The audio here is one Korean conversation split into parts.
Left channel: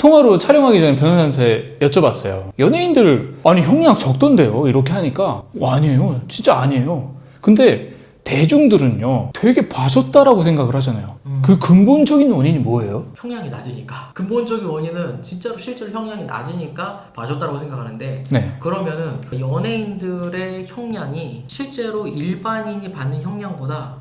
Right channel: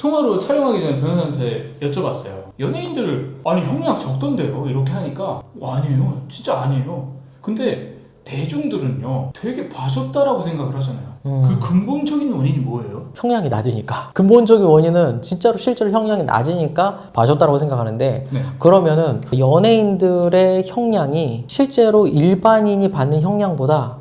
통화로 촬영하기 전에 변호사한테 여쭤봤어요. 연예인들 아니 형량 적던데요? 이렇게 하니까 아니에요. 진짜 아니에요. 근데 대중들은요 되게 봐줬다라고 생각을 하잖아요. 그 근본적인 원인이 뭐예요? 형량이 낮으니까. 근본적인 원인은 진짜로 실제로 형량이 낮으니까 봐줬다라고 생각하는데 네. 그러면은 연예인들의 형량이 실제로 일반인이 받는 형량보다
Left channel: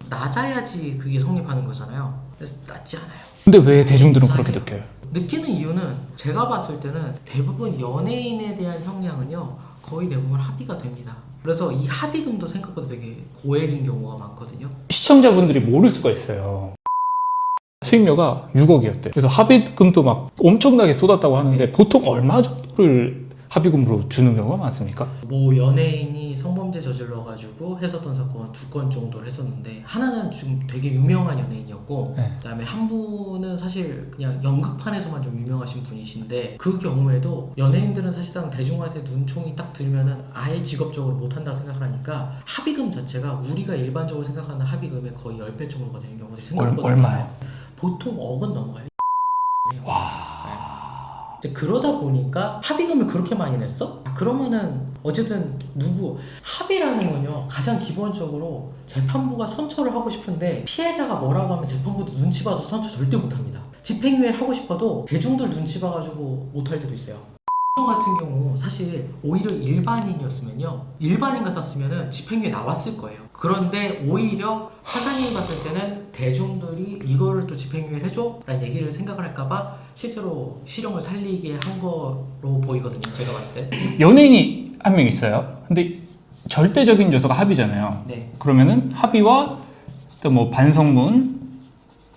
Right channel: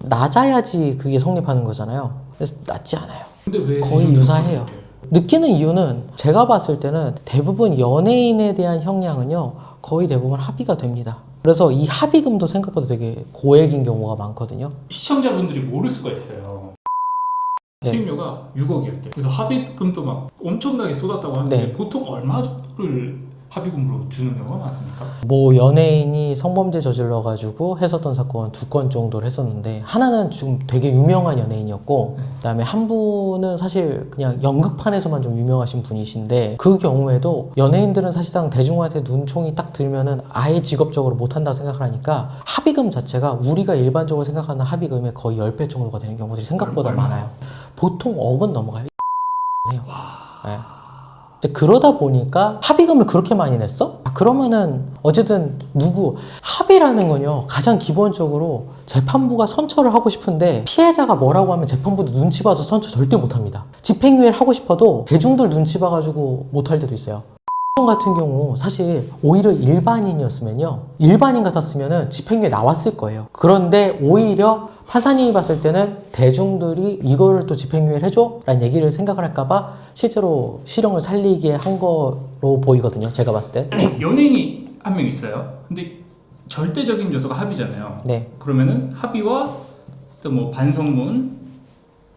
낮아야지 그게 성립하는 거잖아요. 그래서 낮지 않아요. 근데 왜 거의 대중들은 유사해요. 그렇게 느껴요? 느끼는 이유는 제가 봤을 때는 대부분 연예인에 대한 형량은요 거의 대부분 합의가 됩니다. 그래서 이 합의금도 생각보다 되게 고액인 경우가 많거든요. 시청자분들이 모를 수가 있어요. 네. 수임료가 6억이었대. 그래서 합의금도 막 엄청나게 쏟았다고 하는데 네. 보통 얼마 정도를 합의금으로 주는 경우가 많습니까? 뭐 연예인이 성범죄 저질러가지고 했었던 사건 2건 정도를 했었는데 하나는 지금 되게 유명한 연예인이었고 네. 그다음에 한 분은 사실 그냥 연극판에서만 좀 유명하신 분이신데 그 경우에도 연예인들은 사실상 대중한테 눈총이 딱 들면은 아예 직업적으로 못한다 생각을 하니까 합의금 자체가 우리가 일반적으로 생각하는 합의금의 거의 10배 정도가 되는 경우들이 생각보다 얼마나요? 많아요. 보통 억은 넘어가요. 와. 네. 이제 그러다 보니까 합의금을 그렇게 많이 냈어? 그러면은 어쨌든 합의라는 건요 가장 기본적으로 재판부가 선처를 하고 싶은데 피해자가 뭐라고 하면 재판부도 눈치 봐서 선처 절대 못합니다. 집행유예를 하고 싶어도 대중들 눈치 봐가지고 못할 때도 있어요. 같은 경우 사실 오히려 일반인이었으면요 일반인 같았으면은 집행유예 나왔을 거예요. 그런데 오히려 판사님이 봤을 때는 대중들이 이거를 또 집행유예를 해줘? 라는 얘기를 생각을 할까봐 실제로 실형을 살리게 한 거로 보이거든요. 제가 봤을 때. 연예인이 한 명 있어요. 근데 절대적인 요소가 합의잖아요. 네. 그러면은 합의와 또 뭐 반성문,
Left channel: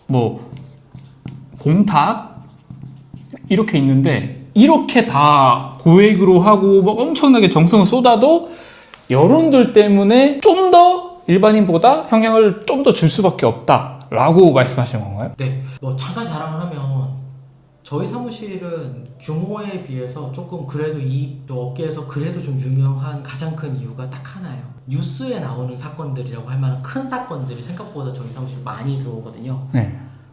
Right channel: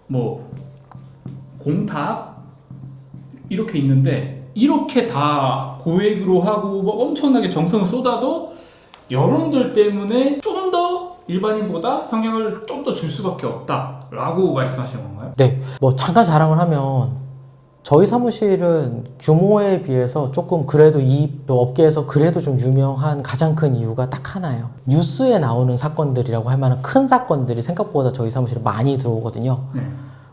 뭐 공탁 이렇게 있는데 이렇게 다 고액으로 하고 뭐 엄청나게 정성을 쏟아도 여론들 때문에 좀 더 일반인보다 형량을 좀 더 줄 수밖에 없다라고 말씀하시는 건가요? 네. 뭐 잠깐 자랑을 하면 저희 사무실은 규모에 비해서 조금 그래도 이 업계에서 그래도 좀 유명한 가장 큰 이유가 딱 하나예요. 뉴스에 나오는 사건들이라고 할 만한 큰 사건들이 생각보다 저희 사무실에 많이 들어오거든요. 네.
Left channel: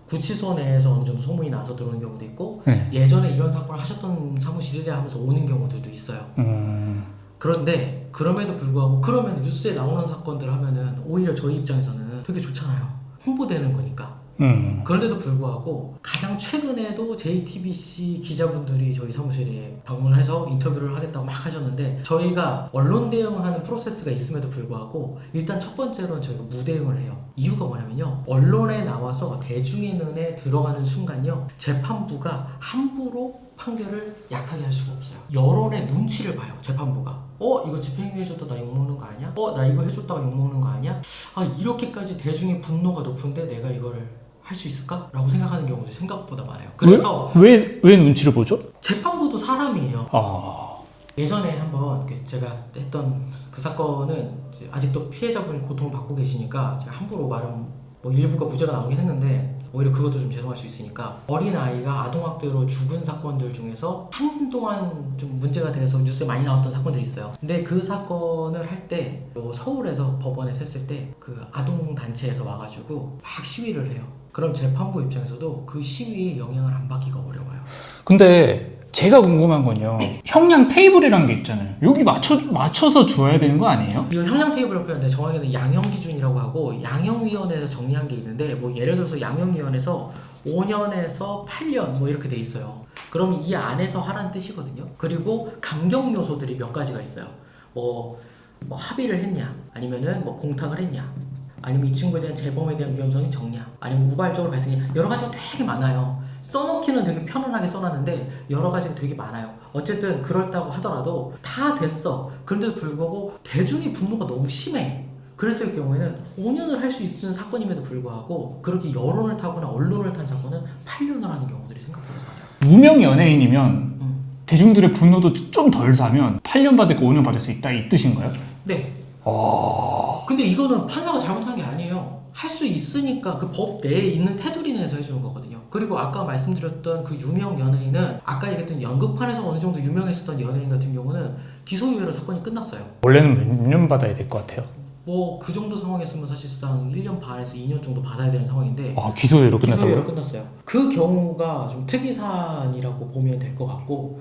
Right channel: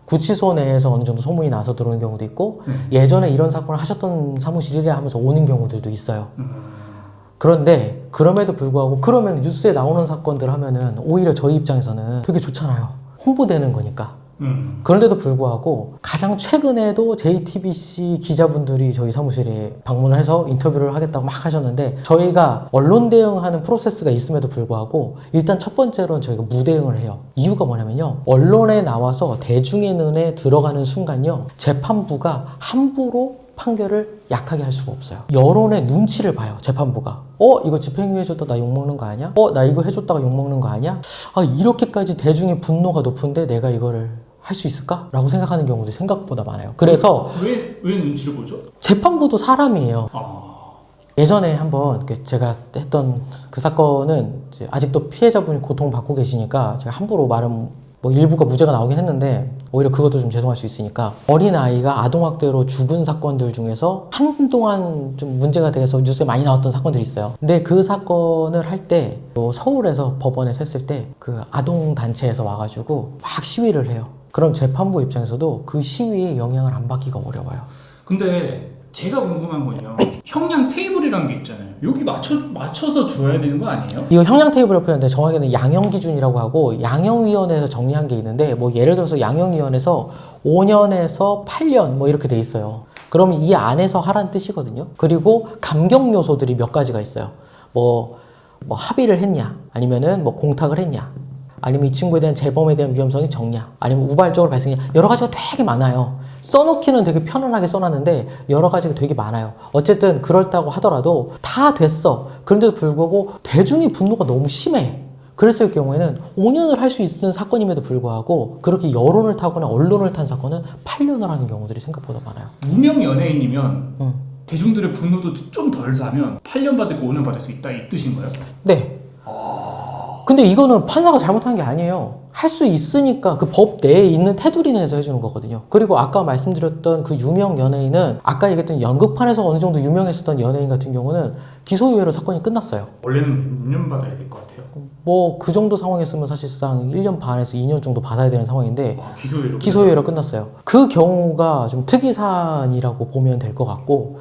구치소 내에서 어느 정도 소문이 나서 들어오는 경우도 있고 네. 예전에 이런 사건을 하셨던 사무실이래 하면서 오는 경우들도 있어요. 그런데 그럼에도 불구하고 그러면 뉴스에 나오는 사건들 하면은 오히려 저희 입장에서는 되게 좋잖아요. 홍보되는 거니까. 그런데도 불구하고 가장 최근에도 JTBC 기자분들이 저희 사무실에 방문을 해서 인터뷰를 하겠다고 막 하셨는데 저희가 언론 대응하는 프로세스가 있음에도 불구하고 일단 첫 번째로는 저희가 무대응을 해요. 이유가 뭐냐면요. 언론에 나와서 대중의 눈에 들어가는 순간요. 재판부가 함부로 판결을 약하게 할 수가 없어요. 여론의 눈치를 봐요. 재판부가. 이거 집행유예 해줬다 나 욕먹는 거 아니야? 나 이거 해줬다가 욕먹는 거 아니야? 이렇게까지 대중의 분노가 높은데 내가 이거를 할 수 있을까? 라고 생각하는 경우도 생각보다 많아요. 그래서 왜 눈치를 보죠? 재판부도 사람이에요. 예전에 한번 제가 했던 그 사건은 이제 아직도 피해자분 고통받고 계시니까 제가 함부로 말은 뭐 일부가 무죄가 나오긴 했는데 오히려 그것도 좀 죄송할 수 있으니까 어린아이가 아동학대로 죽은 사건들 중에서 한동안 좀 문제가 돼서 뉴스에 많이 나왔던 사건들이 있어요. 근데 그 사건을 할 때 서울에서 법원에 셌을 때 그 아동단체에서 와가지고 막 시위를 해요. 그럼 재판부 입장에서도 그 시위에 영향을 안 받기가 어려워요. 근데 제가 궁금한 건요. 형량 테이블이라는 게 있잖아요. 여기 맞춰서 줘야 되는 거 아니에요? 이거 형량 테이블을 표현하는데 정확히는 양형 기준이라고 하고 양형위원회에서 정리한 게 있는데 뭐 예를 들어서 양형위원회에서 5년에서 8년 뭐 이렇게 돼 있어요. 그럼 이 안에서 하라는 뜻이거든요. 그리고 감경 요소들이 몇 가지가 있어요. 뭐 합의를 했냐, 아니면은 뭐 공탁을 했냐, 아니면 이 친구에 대한 재범에 대한 위험성이 적냐, 아니면 우발적으로 발생했냐, 여러 가지가 되게 많아요. 써놓기는 되게 편안하게 써놨는데 여러 가지가 되게 많아요. 어쨌든 그렇다고 하더라도 다 됐어. 그런데도 불구하고 대중의 분노가 너무 심해. 그랬을 경우에는 5년을 할 수 있는 사건임에도 불구하고 그렇게 여론을 타거나 언론을 탄 사건은 8년을 하는 경우들이 생각보다 많아요. 무명 연예인이면 대중들의 분노도 좀 덜 사면 8년 받을 거 5년 받을 수 있다 이 뜻인가요? 네. 근데 이거는 판사가 잘못한 게 아니에요. 할 수 있으니까 그 법 내에 있는 테두리 내에서 해주는 거거든요. 그리고 아까 말씀드렸던 그 유명 연예인은 아까 얘기했던 연극판에서 어느 정도 유명했었던 연예인 같은 경우는 기소유예로 사건이 끝났어요. 원래는 몇 년 받아야 될 것 같아요. 뭐 그 정도 상황이었으면 사실상 1년 반에서 2년 정도 받아야 되는 상황인데 기소유예로 기소유예로 끝났어요. 그 경우가 좀 특이 사안이라고 보면 될 것 같고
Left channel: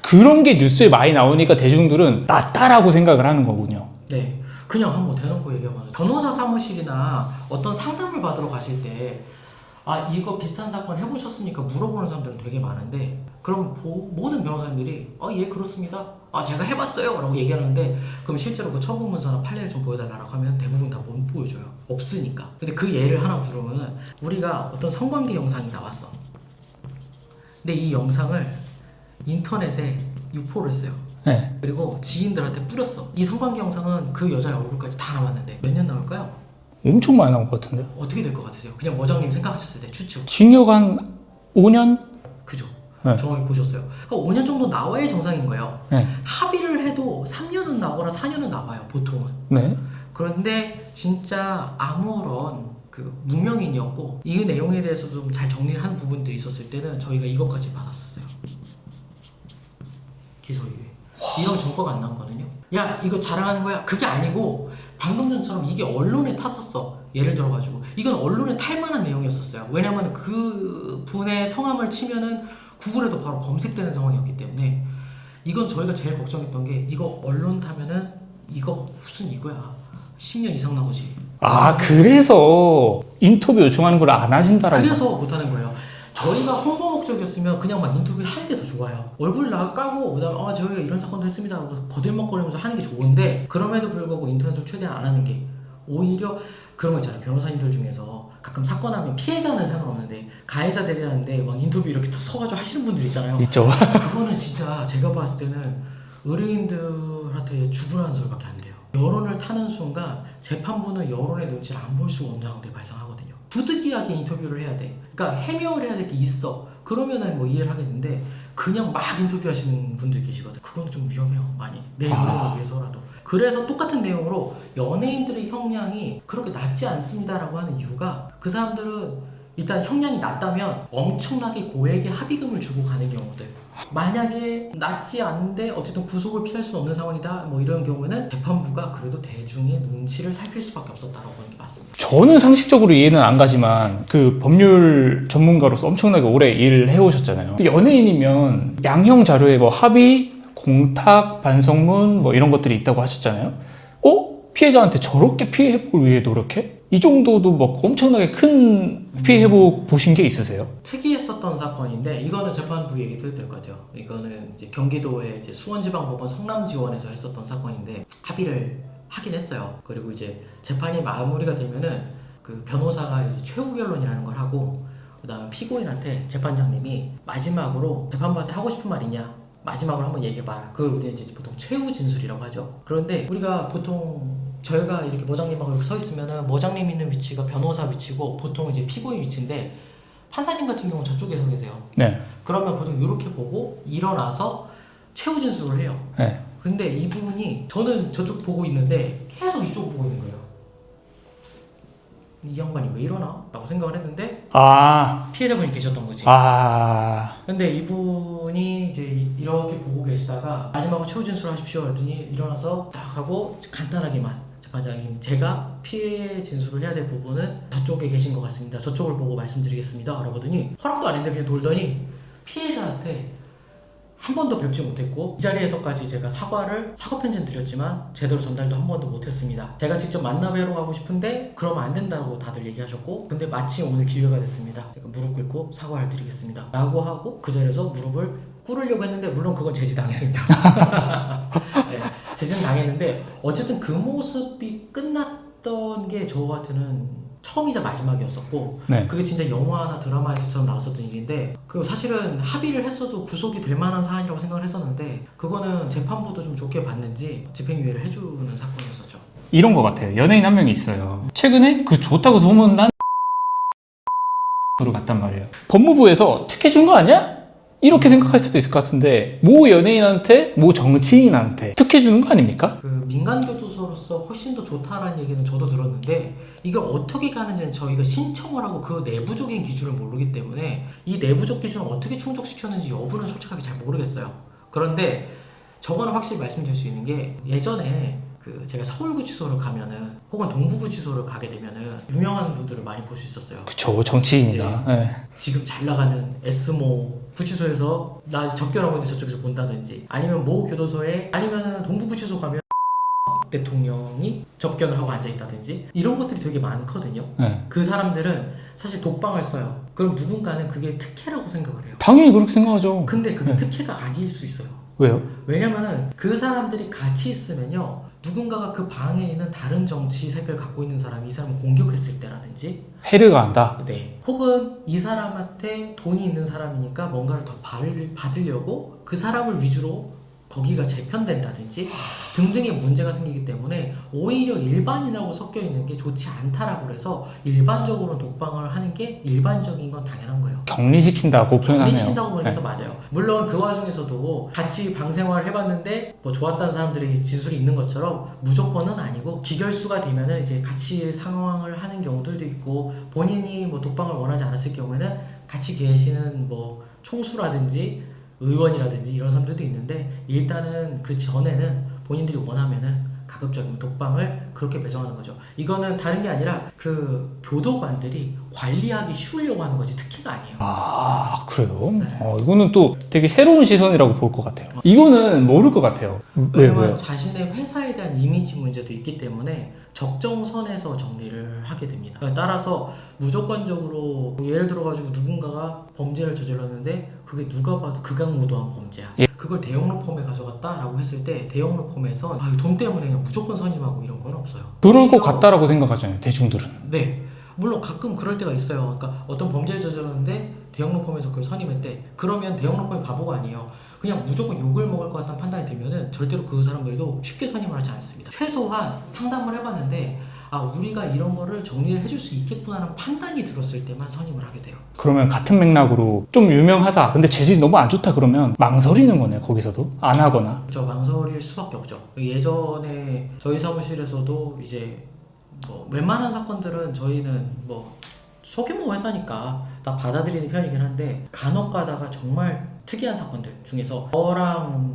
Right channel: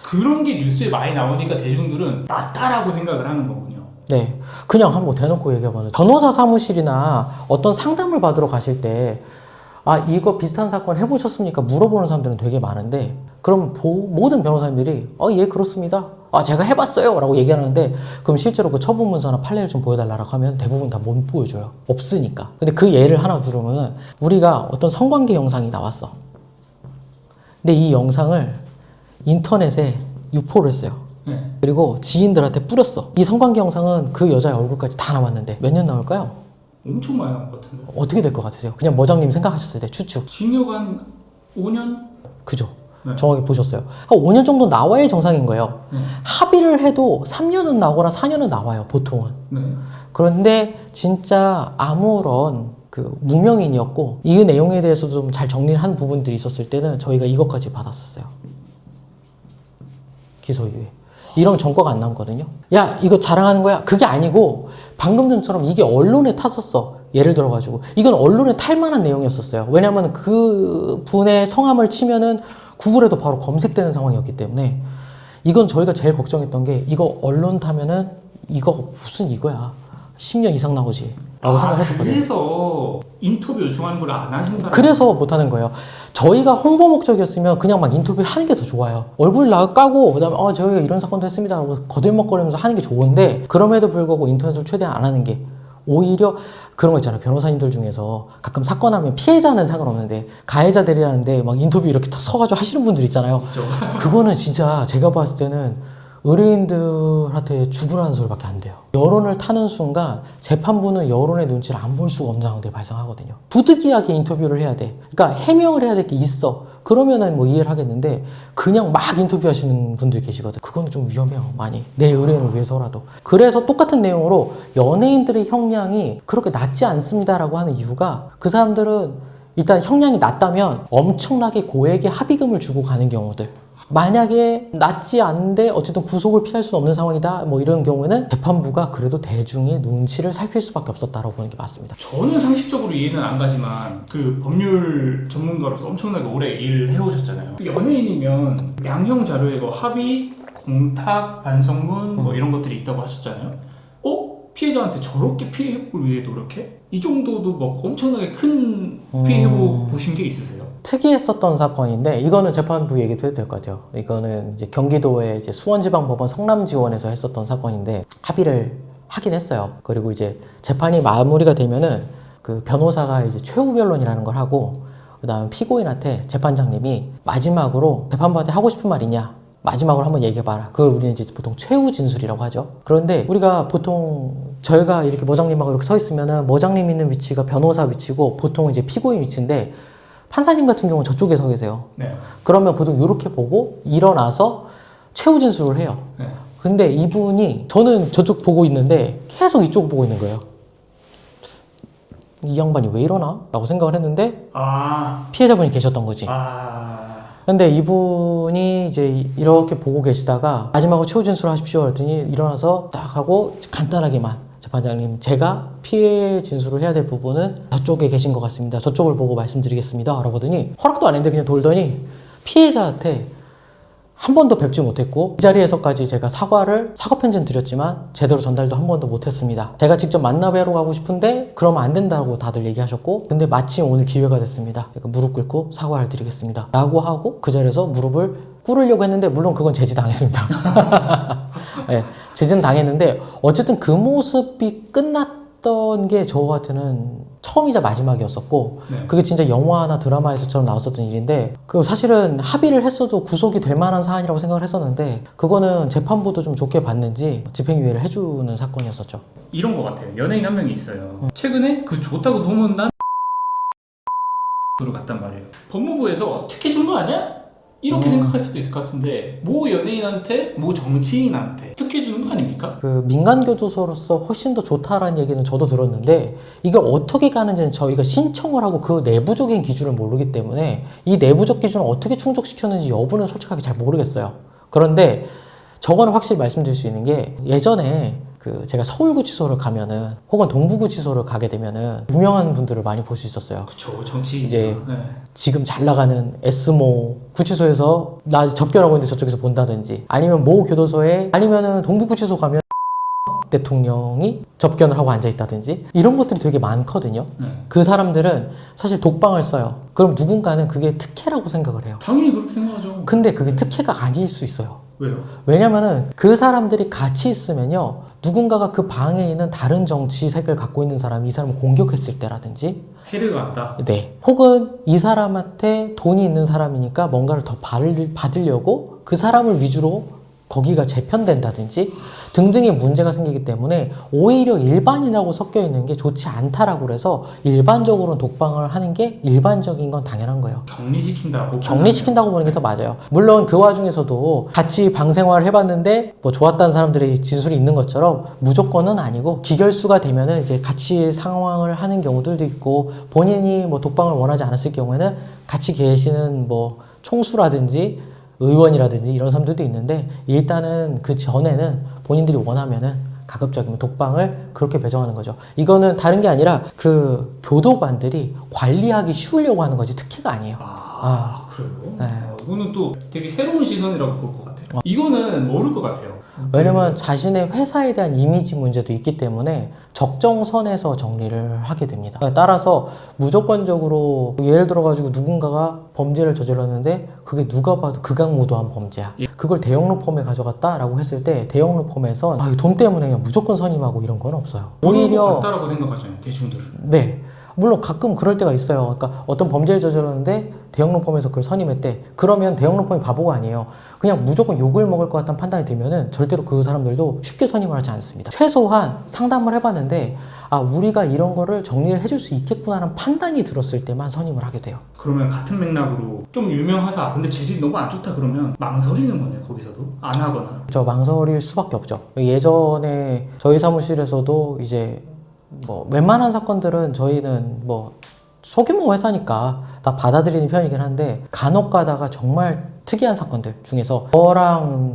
그런 게 뉴스에 많이 나오니까 대중들은 낫다라고 생각을 하는 거군요. 네, 그냥 한번 대놓고 얘기해봐요. 변호사 사무실이나 어떤 상담을 받으러 가실 때 이거 비슷한 사건 해보셨습니까? 물어보는 사람들은 되게 많은데 그럼 모든 변호사님들이 예 그렇습니다. 제가 해봤어요 라고 얘기하는데 그럼 실제로 그 처분문서나 판례를 좀 보여달라고 하면 대부분 다 못 보여줘요. 없으니까. 근데 그 예를 하나 들으면은 우리가 어떤 성관계 영상이 나왔어. 근데 이 영상을 인터넷에 유포를 했어요. 네. 그리고 지인들한테 뿌렸어. 이 성관계 영상은 그 여자의 얼굴까지 다 남았는데 몇 년 나올까요? 엄청 많이 나올 것 같은데. 어떻게 될 것 같으세요? 그냥 모장님 생각하셨을 때 추측. 징역 한 5년? 그죠? 네. 정확히 보셨어요. 한 5년 정도 나와야 정상인 거예요. 네. 합의를 해도 3년은 나오거나 4년은 나와요, 보통은. 네. 그런데 진짜 아무런 그 무명인이었고 이 내용에 대해서 좀 잘 정리를 한 부분들이 있었을 때는 저희가 이것까지 받았었어요. 기소유예. 이런 전과가 안 남거든요. 야 이거 자랑하는 거야? 그게 아니고 방금 전처럼 이게 언론에 탔었어. 예를 들어가지고 이건 언론에 탈 만한 내용이었었어요. 왜냐하면 그 분의 성함을 치면은 구글에도 바로 검색되는 상황이었기 때문에 이건 저희가 제일 걱정했던 게 이거 언론 타면은 이거 무슨 이거야 10년 이상 나오지. 그래서 인터뷰 요청하는 걸 안 하신다라고. 그래서 못하는 거예요. 저희가 홍보 목적이었으면 그냥 막 인터뷰 하는 게 더 좋아요. 얼굴 까고 그다음에 저희가 이런 사건도 했습니다 하고 거들먹거리면서 하는 게 좋은데 그럼에도 불구하고 인터넷을 최대한 안 하는 게 오히려 그런 거 있잖아요. 변호사님들 중에서 가끔 사건 하면 피해자는 상관없는데 가해자 대리하는데 막 인터뷰 이렇게 다 서가지고 하시는 분들 있잖아요. 있죠. 그거는 진짜 제가 봤을 때는 의뢰인들한테 죽으라는 소리밖에 안 돼요. 여론을 타는 순간 재판부는 여론의 눈치를 안 볼 수가 없는 상황들이 발생하거든요. 부득이하게 인터뷰를 해야 돼. 그러니까 해명을 해야 될 게 있어. 그러면은 뭐 이해를 하겠는데 그냥 막 인터뷰하시는 분들 계시거든. 그거는 좀 위험해요. 많이. 내 의뢰인을 위해서라도. 그래서 똑같은 내용으로 연예인들의 형량이 그렇게 낮지 않습니다라고 하는 이유가 그 사람들은 일단 형량이 낮다면 엄청나게 고액의 합의금을 주고 가는 경우들. 만약에 낮지 않은데 어쨌든 구속을 피할 수 없는 상황이다 뭐 이런 경우에는 재판부가 그래도 대중의 눈치를 살필 수밖에 없었다라고 보는 게 맞습니다. 저는 상식적으로 이해는 안 가지만 그 법률 전문가로서 엄청나게 오래 일을 해오셨잖아요. 연예인이면 양형 자료에 뭐 합의, 공탁, 반성문 뭐 이런 것들이 있다고 하셨잖아요. 피해자한테 저렇게 피해 회복을 위해 노력해? 이 정도도 뭐 엄청나게 큰 피해 회복 보신 게 있으세요? 특이했었던 사건인데 이거는 재판부 얘기도 해도 될 것 같아요. 이거는 이제 경기도의 이제 수원지방법원 성남지원에서 했었던 사건인데 합의를 하긴 했어요. 그리고 이제 재판이 마무리가 되면은 그 변호사가 이제 최후 변론이라는 걸 하고 그다음 피고인한테 재판장님이 마지막으로 재판부한테 하고 싶은 말 있냐? 마지막으로 한번 얘기해봐라. 그걸 우리는 이제 보통 최후 진술이라고 하죠. 그런데 우리가 보통 저희가 이렇게 모장님하고 이렇게 서 있으면은 모장님 있는 위치가 변호사 위치고 보통 이제 피고인 위치인데 판사님 같은 경우는 저쪽에 서 계세요. 네. 그러면 보통 이렇게 보고 일어나서 최후 진술을 해요. 네. 근데 이분이 저는 저쪽 보고 있는데 계속 이쪽 보고 있는 거예요. 이 양반이 왜 이러나? 라고 생각을 했는데 피해자분이 계셨던 거지. 근데 이분이 이제 이렇게 보고 계시다가 마지막으로 최후 진술을 하십시오 그랬더니 일어나서 딱 하고 간단하게만 재판장님 제가 피해 진술을 해야 될 부분은 저쪽에 계신 것 같습니다. 저쪽을 보고 말씀드리겠습니다. 그러더니 허락도 안 했는데 그냥 돌더니 피해자한테 한 번도 뵙지 못했고 이 자리에서까지 제가 사과 편지는 드렸지만 제대로 전달도 한 번도 못했습니다. 제가 직접 만나 뵈러 가고 싶은데 그러면 안 된다고 다들 얘기하셨고 근데 마침 오늘 기회가 됐습니다. 그러니까 무릎 꿇고 사과를 드리겠습니다. 라고 하고 그 자리에서 무릎을 꿇으려고 했는데 물론 그건 제지당했습니다. 네, 제지는 당했는데 어쨌든 그 모습이 끝났던 게 저한테는 처음이자 마지막이었었고 네. 그게 진짜 영화나 드라마에서처럼 나왔었던 일인데 그 사실은 합의를 했어도 구속이 될 만한 사안이라고 생각을 했었는데 그거는 재판부도 좀 좋게 봤는지 집행유예를 해주는 사건이었었죠. 이런 것 같아요. 연예인 한 명이 있어요. 최근에 그 좋다고 소문난 으로 갔단 말이에요. 법무부에서 특혜 준 거 아니야? 이렇게 생각할 수도 있을 것 같은데 모 연예인한테 모 정치인한테 특혜 주는 거 아닙니까? 그 민간교도소로서 훨씬 더 좋다라는 얘기는 저도 들었는데 이게 어떻게 가는지는 저희가 신청을 하고 그 내부적인 기준을 모르기 때문에 이 내부적 기준을 어떻게 충족시켰는지 여부는 솔직하게 잘 모르겠어요. 그런데 저거는 확실히 말씀드릴 수 있는 게 예전에 그 제가 서울구치소를 가면은 혹은 동부구치소를 가게 되면은 유명한 분들을 많이 볼 수 있었어요. 그쵸, 정치인이죠. 이제 네. 지금 잘 나가는 S모 구치소에서 나 접견하고 있는데 저쪽에서 본다든지 아니면 모 교도소에 아니면은 동부구치소 가면 대통령이 접견을 하고 앉아 있다든지 이런 것들이 되게 많거든요. 네. 그 사람들은 사실 독방을 써요. 그럼 누군가는 그게 특혜라고 생각을 해요. 당연히 그렇게 생각하죠. 근데 그게 특혜가 아닐 수 있어요. 왜요? 왜냐면은 그 사람들이 같이 있으면요 누군가가 그 방에 있는 다른 정치색을 갖고 있는 사람이 이 사람을 공격했을 때라든지 해를 가한다. 네. 혹은 이 사람한테 돈이 있는 사람이니까 뭔가를 더 받으려고 그 사람을 위주로 거기가 재편된다든지 등등의 문제가 생기기 때문에 오히려 일반인하고 섞여 있는 게 좋지 않다라고 그래서 일반적으로 독방을 하는 게 일반적인 건 당연한 거예요. 격리시킨다고 격리시킨다고 보는 게 더 맞아요. 물론 그 와중에서도 같이 방 생활을 해봤는데 뭐 좋았다는 사람들의 진술이 있는 것처럼 무조건은 아니고 기결수가 되면은 이제 같이 상황을 하는 경우들도 있고 본인이 뭐 독방을 원하지 않았을 경우에는 같이 계시는 뭐 총수라든지 의원이라든지 이런 사람들도 있는데 일단은 그 전에는 본인들이 원하면은 가급적이면 독방을 그렇게 배정하는 거죠. 이거는 다른 게 아니라 그 교도관들이 관리하기 쉬우려고 하는 거지 특혜가 아니에요. 아, 그래요? 네. 이거는 또 되게 새로운 시선이라고 볼 것 같아요. 이거는 모를 것 같아요. 왜냐면 네. 자신의 회사에 대한 이미지 문제도 있기 때문에 적정선에서 정리를 하게 됩니다. 따라서 무조건적으로 예를 들어가지고 누군가가 범죄를 저질렀는데 그게 누가 봐도 극악무도한 범죄야. 예. 그걸 대형로펌에 가져갔다라고 했을 때 대형로펌에선 돈 때문에 그냥 무조건 선임하고 이런 건 없어요. 그럴 것 오히려- 같다라고 생각하잖아요, 대중들은. 네. 물론 가끔 그럴 때가 있어요. 그러니까 어떤 범죄를 저질렀는데 대형로펌에서 그걸 선임했대. 그러면 대형로펌이 바보가 아니에요. 그냥 무조건 욕을 먹을 것 같다는 판단이 들면은 절대로 그 사람들도 쉽게 선임을 하지 않습니다. 최소한 상담을 해봤는데 아 우리가 이런 거를 정리를 해줄 수 있겠구나라는 판단이 들었을 때만 선임을 하게 돼요. 그러면 같은 맥락으로 좀 유명하다. 근데 재질이 너무 안 좋다 그러면 망설이는 거네요, 거기서도. 안 하거나. 저 망설일 수밖에 없죠. 예전에 저희 사무실에서도 이제 뭐 웬만한 사건들은 저희는 뭐 소규모 회사니까 다 받아들이는 편이긴 한데 간혹 가다가 정말 특이한 사건들 중에서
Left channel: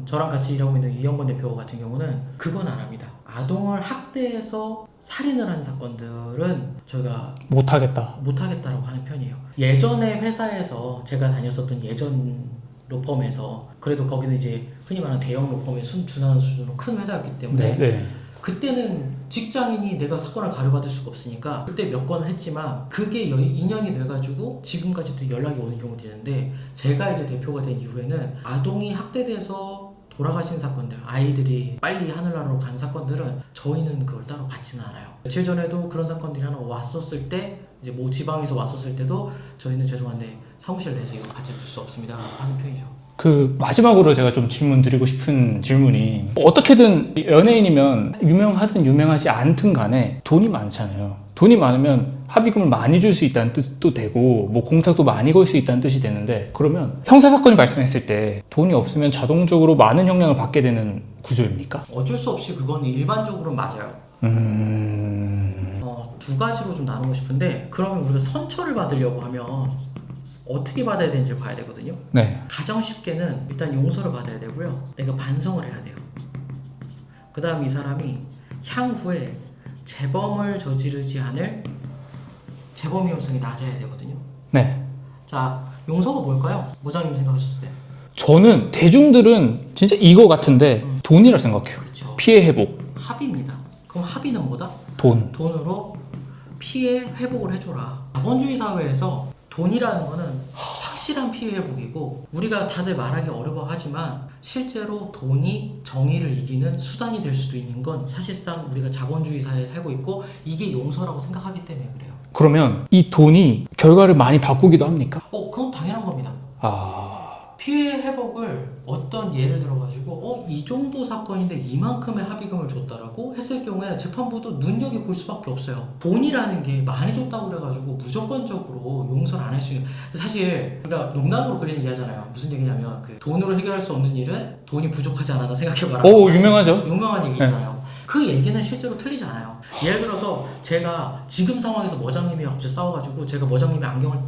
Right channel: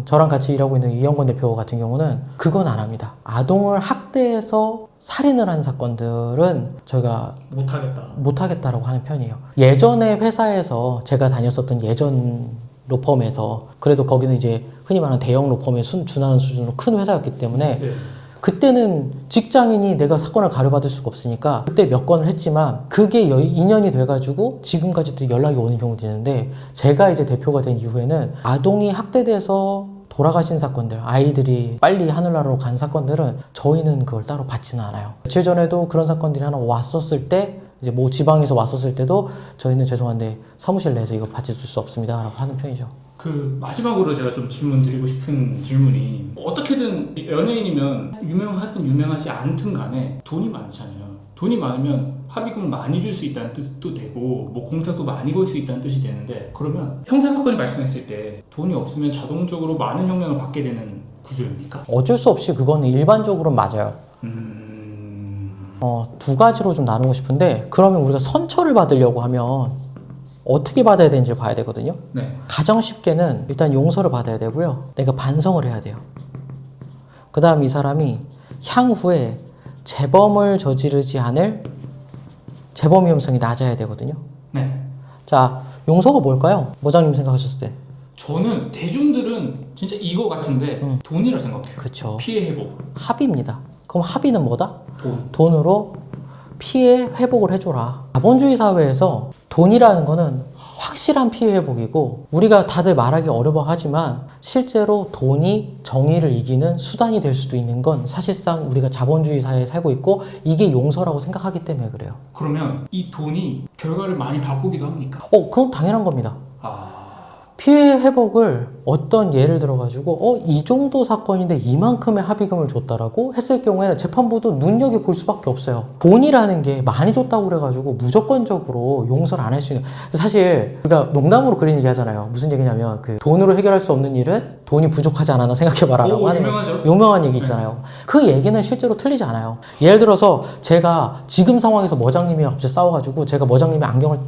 저랑 같이 일하고 있는 이영권 대표 같은 경우는 그건 안 합니다. 아동을 학대해서 살인을 한 사건들은 저희가 못하겠다라고 하는 편이에요. 예전에 회사에서 제가 다녔었던 예전 로펌에서 그래도 거기는 이제 흔히 말하는 대형 로펌에 준하는 수준으로 큰 회사였기 때문에 네. 그때는 직장인이 내가 사건을 가려받을 수가 없으니까 그때 몇 건을 했지만 그게 인연이 돼가지고 지금까지도 연락이 오는 경우도 있는데 제가 이제 대표가 된 이후에는 아동이 학대돼서 돌아가신 사건들, 아이들이 빨리 하늘나라로 간 사건들은 저희는 그걸 따로 받지는 않아요. 며칠 전에도 그런 사건들이 하나 왔었을 때 이제 뭐 지방에서 왔었을 때도 저희는 죄송한데 사무실 내에서 이거 받을 수 없습니다 라고 하는 편이죠. 그 마지막으로 제가 좀 질문 드리고 싶은 질문이 어떻게든 연예인이면 유명하든 유명하지 않든 간에 돈이 많잖아요. 돈이 많으면 합의금을 많이 줄 수 있다는 뜻도 되고 뭐 공탁도 많이 걸 수 있다는 뜻이 되는데 그러면 형사사건이 발생했을 때 돈이 없으면 자동적으로 많은 형량을 받게 되는 구조입니까? 어쩔 수 없이 그거는 일반적으로는 맞아요. 두 가지로 좀 나누고 싶은데 그러면 우리가 선처를 받으려고 하면 어떻게 받아야 되는지 봐야 되거든요. 네. 가장 쉽게는 일단 용서를 받아야 되고요. 내가 반성을 해야 돼요. 그 다음 이 사람이 향후에 재범을 저지르지 않을 재범 위험성이 낮아야 되거든요. 네. 자, 용서가 뭘까요? 모장님 생각하셨을 때. 저는 대중들은 진짜 이거 같은데 돈이라 생각해요. 그렇죠. 피해 회복. 합의입니다. 그럼 합의는 뭐다? 돈. 돈으로 피해 회복을 해줘라. 자본주의 사회에서 돈이라는 거는 확실한 피해 회복이고 우리가 다들 말하기 어려워하지만 실제로 돈이 정의를 이기는 수단이 될 수도 있는 건 사실상 우리가 자본주의 사회에 살고 있고 이게 용서라고 생각하기 때문에 그래요. 그러면 이 돈이 결과를 많이 바꾸기도 합니까? 그건 당연한 겁니다. 피해 회복을 어떤 예를 들어가지고 이 정도 사건인데 이만큼의 합의금을 줬다라고 했을 경우에는 재판부도 눈여겨볼 수밖에 없어요. 돈이라는 게 많이 줬다고 그래가지고 무조건적으로 용서를 안 할 수 있는, 사실 우리가 농담으로 그런 얘기 하잖아요. 무슨 얘기냐면 그 돈으로 해결할 수 없는 일은 돈이 부족하지 않았나 생각해봐라. 오, 유명하죠. 유명한 얘기 있잖아요. 그 얘기는 실제로 틀리지 않아요. 예를 들어서 제가 지금 상황에서 머장님이랑 갑자기 싸워가지고 제가 머장님의 안경을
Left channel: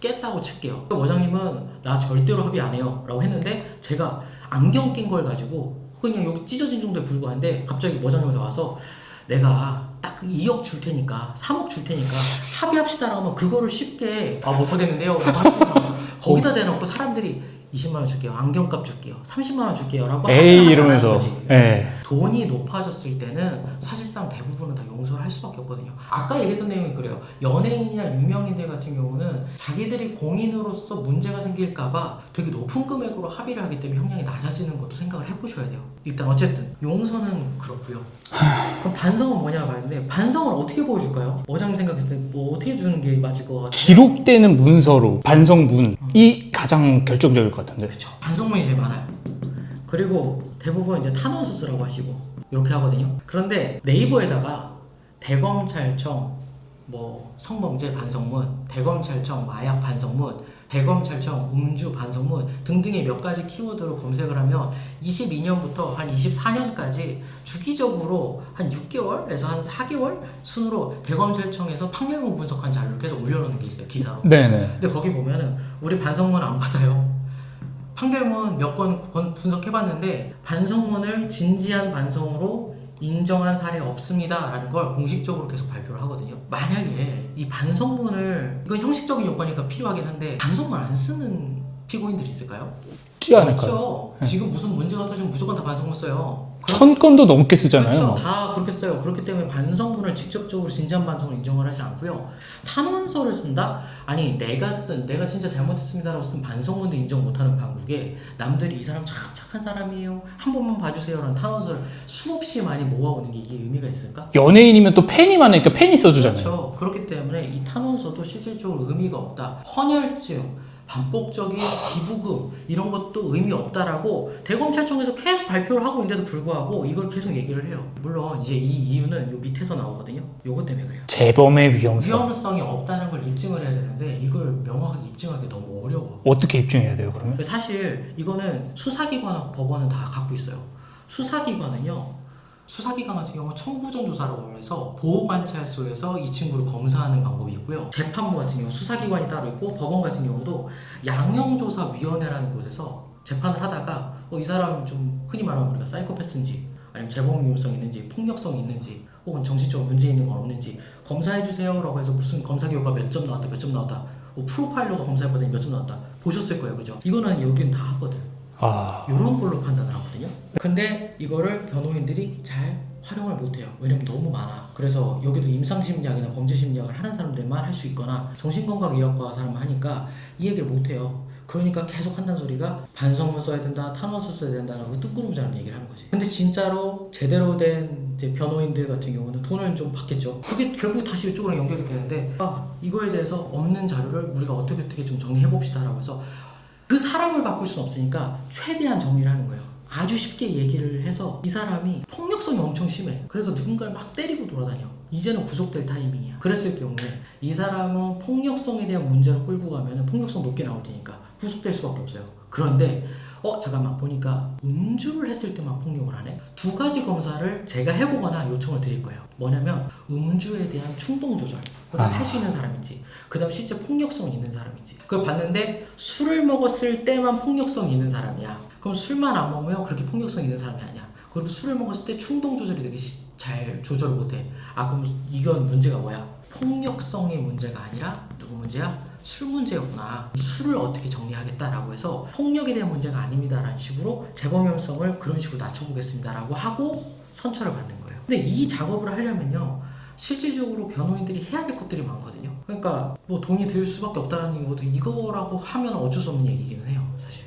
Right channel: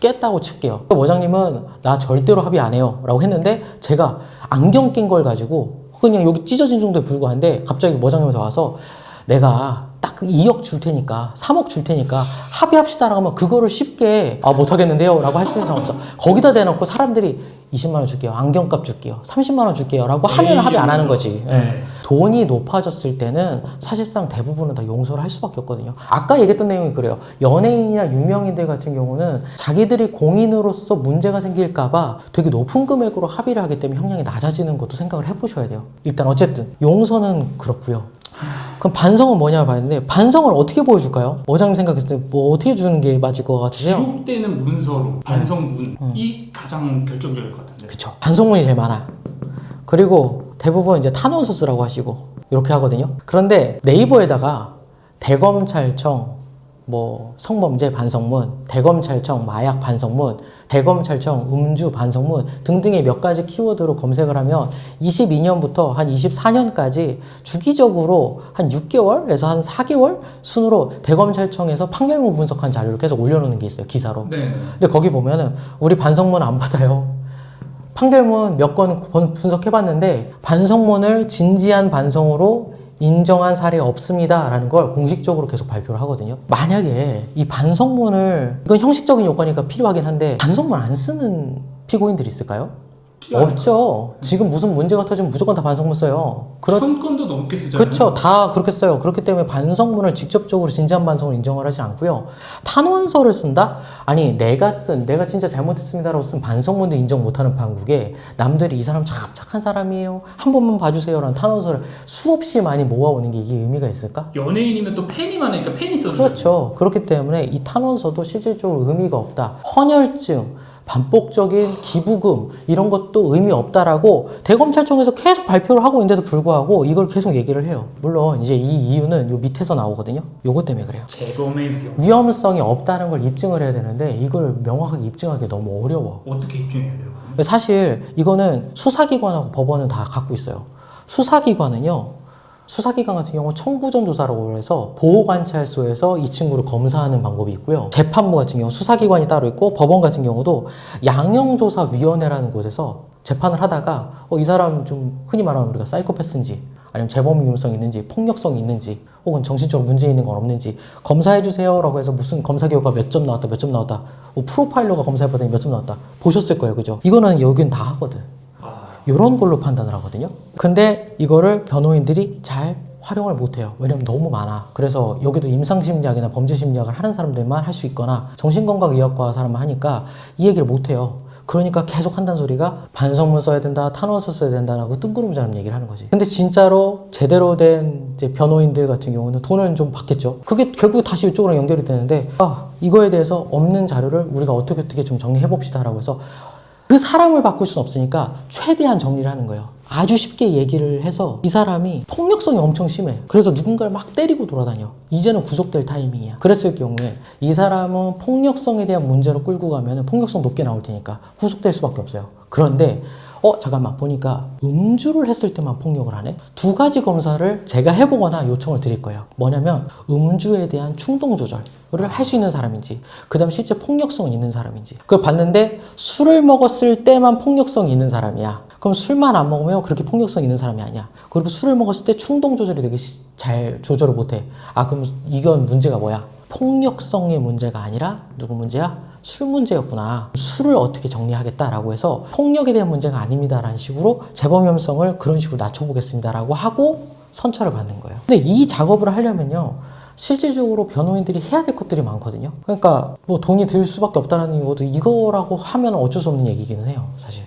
깼다고 칠게요. 머장님은 나 절대로 합의 안 해요 라고 했는데 제가 안경 낀 걸 가지고 그냥 여기 찢어진 정도에 불과한데 갑자기 머장님한테 와서 내가 딱 2억 줄 테니까 3억 줄 테니까 합의합시다 라고 하면 그거를 쉽게 못하겠는데요 라고 할 수 있는 상황 없어. 거기다 대놓고 사람들이 20만 원 줄게요, 안경값 줄게요, 30만 원 줄게요 라고 하면 합의 안 하는 거지. 네. 돈이 높아졌을 때는 사실상 대부분은 다 용서를 할 수밖에 없거든요. 아까 얘기했던 내용이 그래요. 연예인이나 유명인들 같은 경우는 자기들이 공인으로서 문제가 생길까봐 되게 높은 금액으로 합의를 하기 때문에 형량이 낮아지는 것도 생각을 해보셔야 돼요. 일단 어쨌든 용서는 그렇고요. 그럼 반성은 뭐냐 봐야되는데, 반성을 어떻게 보여줄까요? 어장님 생각했을 때 뭐 어떻게 주는 게 맞을 것 같아요? 기록되는 문서로 반성문이 가장 결정적일 것 같은데. 그쵸. 반성문이 제일 많아요. 그리고 대부분 이제 탄원서 쓰라고 하시고 이렇게 하거든요. 그런데 네이버에다가 대검찰청 뭐 성범죄 반성문, 대검찰청 마약 반성문, 대검찰청 음주 반성문 등등의 몇 가지 키워드로 검색을 하면 22년부터 한 24년까지 주기적으로 한 6개월에서 한 4개월 순으로 대검찰청에서 판결문 분석한 자료를 계속 올려놓는 게 있어요, 기사로. 네네. 근데 거기 보면은 우리 반성문 안 받아요. 판결문 몇 건 분석해봤는데 반성문을 진지한 반성으로 인정한 사례 없습니다 라는 걸 공식적으로 계속 발표를 하거든요. 만약에 이 반성문을, 이건 형식적인 요건이니까 필요하긴 한데 반성문 안 쓰는 피고인들이 있을까요? 없죠. 지금 무슨 문제가 터지면 무조건 다 반성문 써요. 1000건도 넘게 쓰잖아요. 그렇죠. 다 그렇게 써요. 그렇기 때문에 반성문을 직접적으로 진지한 반성을 인정을 하지 않고요. 탄원서를 쓴다? 아니 내가 진짜 잘못했습니다라고 쓴 반성문도 인정 못하는 판국에 남들이 이 사람 참 착한 사람이에요, 한 번만 봐주세요라는 탄원서를 수없이 많이 모아오는 게 이게 의미가 있을까? 연예인이면 또 팬이 많으니까 팬이 써주잖아요. 그렇죠. 그렇기 때문에 이 탄원서도 실질적으로 의미가 없다. 헌혈증, 반복적인 기부금 이런 것도 의미 없다라고 대검찰청에서 계속 발표를 하고 있는데도 불구하고 이걸 계속 얘기를 해요. 물론 이제 이 이유는 요 밑에서 나오거든요. 요것 때문에 그래요. 재범의 위험성. 위험성이 없다는 걸 입증을 해야 되는데 이걸 명확하게 입증하기 너무 어려워. 어떻게 입증해야 돼요, 그러면? 사실 이거는 수사기관하고 법원은 다 갖고 있어요. 수사기관 같은 경우 청부전 조사라고 해서 보호관찰소에서 이 친구를 검사하는 방법이 있고요. 재판부 같은 경우 수사기관이 따로 있고, 법원 같은 경우도 양형조사위원회라는 곳에서 재판을 하다가 이 사람 좀 흔히 말하면 우리가 사이코패스인지 아니면 재범 위험성이 있는지 폭력성이 있는지 혹은 정신적으로 문제 있는 건 없는지 검사해주세요 라고 해서 무슨 검사 결과 몇 점 나왔다 프로파일러가 검사해봤더니 몇 점 나왔다 보셨을 거예요, 그죠? 이거는 여긴 다 하거든. 이런 걸로 판단을 하거든요. 근데 이거를 변호인들이 잘 활용을 못해요. 왜냐면 너무 많아. 그래서 여기도 임상심리학이나 범죄심리학을 하는 사람들만 할 수 있거나 정신건강의학과 사람만 하니까 이 얘기를 못해요. 그러니까 계속 한다는 소리가 반성문 써야 된다, 탄원서 써야 된다라고 뜬구름잡는 얘기를 하는 거지. 근데 진짜로 제대로 된 이제 변호인들 같은 경우는 돈을 좀 받겠죠. 그게 결국 다시 이쪽으로 연결이 되는데 이거에 대해서 없는 자료를 우리가 어떻게 좀 정리해 봅시다 라고 해서 그 사람을 바꿀 수는 없으니까 최대한 정리를 하는 거예요. 아주 쉽게 얘기를 해서 이 사람이 폭력성이 엄청 심해. 그래서 누군가를 막 때리고 돌아다녀. 이제는 구속될 타이밍이야. 그랬을 경우에 이 사람은 폭력성에 대한 문제로 끌고 가면 폭력성 높게 나올 테니까 구속될 수밖에 없어요. 그런데 잠깐만 보니까 음주를 했을 때만 폭력을 하네? 두 가지 검사를 제가 해보거나 요청을 드릴 거예요. 뭐냐면 음주에 대한 충동 조절을 할 수 있는 사람인지, 그 다음 실제 폭력성이 있는 사람인지. 그걸 봤는데 술을 먹었을 때만 폭력성이 있는 사람이야. 그럼 술만 안 먹으면 그렇게 폭력성 있는 사람이 아니야. 그리고 술을 먹었을 때 충동 조절이 되게 잘 조절을 못해. 그럼 이건 문제가 뭐야? 폭력성의 문제가 아니라 누구 문제야? 술 문제였구나. 술을 어떻게 정리하겠다라고 해서 폭력에 대한 문제가 아닙니다라는 식으로 재범 위험성을 그런 식으로 낮춰보겠습니다라고 하고 선처를 받는 거예요. 근데 이 작업을 하려면요, 실질적으로 변호인들이 해야 될 것들이 많거든요. 그러니까 뭐 돈이 들 수밖에 없다는 것도 이거라고 하면 어쩔 수 없는 얘기기는 해요, 사실.